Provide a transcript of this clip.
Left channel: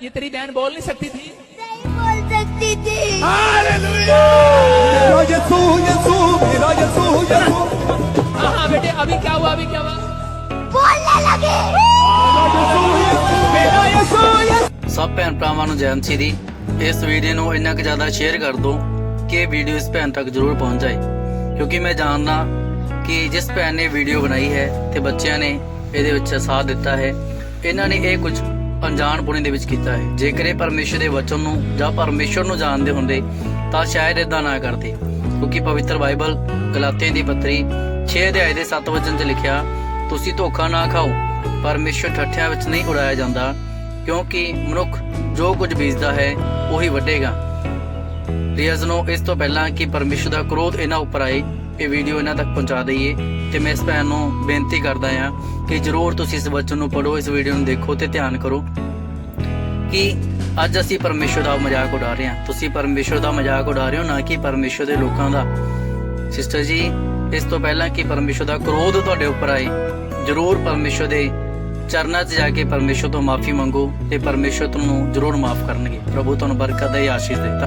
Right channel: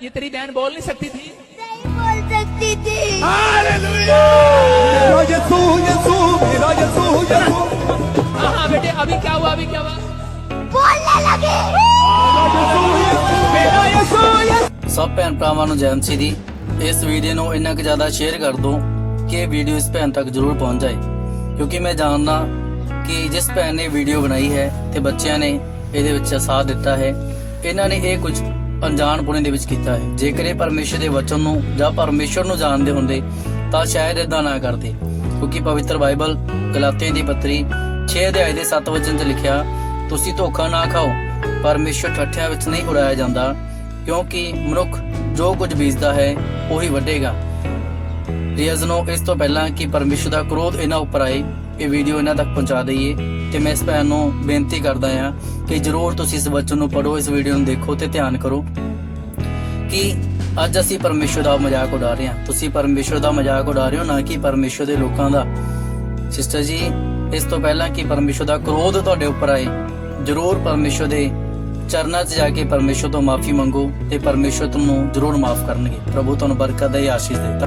ये तेरी बहन बोल नहीं सकती थी नहीं बोल सकती थी हालेलुया मेरा यीशु यीशु मेरा यीशु यीशु हाँ हाँ बेटे अभी क्या हुआ अभी क्या हुआ बोलने लगे मेरा यीशु यीशु ਸਭ ਭੈਣ ਭਰਾਵਾਂ ਨੂੰ ਜੈਨ ਦੀ ਇਸ ਵੀਡੀਓ ਨੂੰ ਇੰਨਾ ਕੁ ਜ਼ਿਆਦਾ ਸ਼ੇਅਰ ਕਰ ਦਿਓ ਕਿ ਇਹ ਵੀਡੀਓ ਇਸ ਭੈਣ ਤੱਕ ਜ਼ਰੂਰ ਪਹੁੰਚ ਜਾਏ ਕਿਉਂਕਿ ਮੈਂ ਜਾਣਦਾ ਕਿ ਜਿਸ ਭੈਣ ਨੇ ਵੀਡੀਓ ਬਣਾਈ ਹੈ ਤੇ ਬੱਚਿਆਂ ਨੇ ਇਹਦੇ ਵਿੱਚ ਸਾਥ ਦਿੱਤਾ ਹੈ ਇਹਨਾਂ ਨੇ ਇਹ ਕੁਝ ਅਣਜਾਣਪੁਣੇ ਦੇ ਵਿੱਚ ਕੀਤਾ ਹੈ। ਜੇਕਰ ਇਹ ਪਰਮੇਸ਼ਰ ਦੇ ਵਚਨ ਨੂੰ ਜਾਂ ਪਰਮੇਸ਼ਰ ਨੂੰ ਜਾਣਦੇ ਹੁੰਦੇ, ਤਾਂ ਸ਼ਾਇਦ ਇਦਾਂ ਨਾ ਕਰਦੇ। ਕਿਉਂਕਿ ਪਵਿੱਤਰ ਬਾਈਬਲ ਗਲਾਤੀਆਂ ਦੀ ਪੱਤਰੀ 6 ਅਧਿਆਏ ਦੇ 7 ਵਚਨ 'ਚ ਲਿਖਿਆ, ਤੁਸੀਂ ਧੋਖਾ ਨਾ ਖਾਓ, ਪਰਮੇਸ਼ਰ ਠੱਠਿਆਂ ਵਿੱਚ ਨਹੀਂ ਉਡਾਇਆ ਜਾਂਦਾ, ਕਿਉਂਕਿ ਮਨੁੱਖ ਜੋ ਕੁਝ ਬੀਜਦਾ ਹੈ, ਉਹੀ ਵੱਢੇਗਾ। ਪ੍ਰਿਯਸ ਨੂੰ ਇਸ ਤੋਂ ਪਹਿਲਾਂ ਕਿ ਪਰਮੇਸ਼ਰ ਦਾ ਕ੍ਰੋਧ ਇਹਨਾਂ ਉੱਪਰ ਆਏ, ਇਹ ਵੀਡੀਓ ਇਹਨਾਂ ਤੱਕ ਪਹੁੰਚਾ ਦਈਏ ਤੇ ਮੈਂ ਇਸ ਭੈਣ ਨੂੰ ਬੇਨਤੀ ਕਰਦਾ ਹਾਂ ਕਿ ਜਰੂਰ ਤੁਸੀਂ ਇਸ ਵਚਨ ਨੂੰ ਪੜੋ ਇਸ ਵੀਡੀਓ ਨੂੰ ਦੇਖੋ ਤੇ ਧਿਆਨ ਕਰੋ ਕਿ ਅੱਜ ਅਸੀਂ ਪਰਮੇਸ਼ਰ ਦਾ ਮਜ਼ਾਕ ਉਡਾ ਰਹੇ ਹਾਂ। ਤੁਸੀਂ ਪਰਮੇਸ਼ਰ ਦਾ ਮਜ਼ਾਕ ਉਡਾ ਰਹੇ ਹੋ, ਨਾ ਕਿ ਪਰਮੇਸ਼ਰ ਦੇ ਲੋਕਾਂ ਦਾ। ਸਿਸਟਰ ਜੀ, ਇਸ ਤੋਂ ਪਹਿਲਾਂ ਕਿ ਪਰਮੇਸ਼ਰ ਦਾ ਕ੍ਰੋਧ ਤੁਹਾਡੇ ਉੱਪਰ ਆਏ, ਜਰੂਰ ਪਰਮੇਸ਼ਰ ਦੇ ਚਰਨਾਂ 'ਚ ਜਾ ਕੇ ਪਰਮੇਸ਼ਰ ਤੋਂ ਮਾਫੀ ਮੰਗੋ ਤੇ ਪਰਮੇਸ਼ਰ ਤੁਹਾਨੂੰ ਜਰੂਰ ਮਾਫ ਕਰਨਗੇ। ਪ੍ਰਭੂ ਤੁਹਾਨੂੰ ਬਰਕਤ ਦੇ ਆਸ਼ੀਸ਼ ਦੇ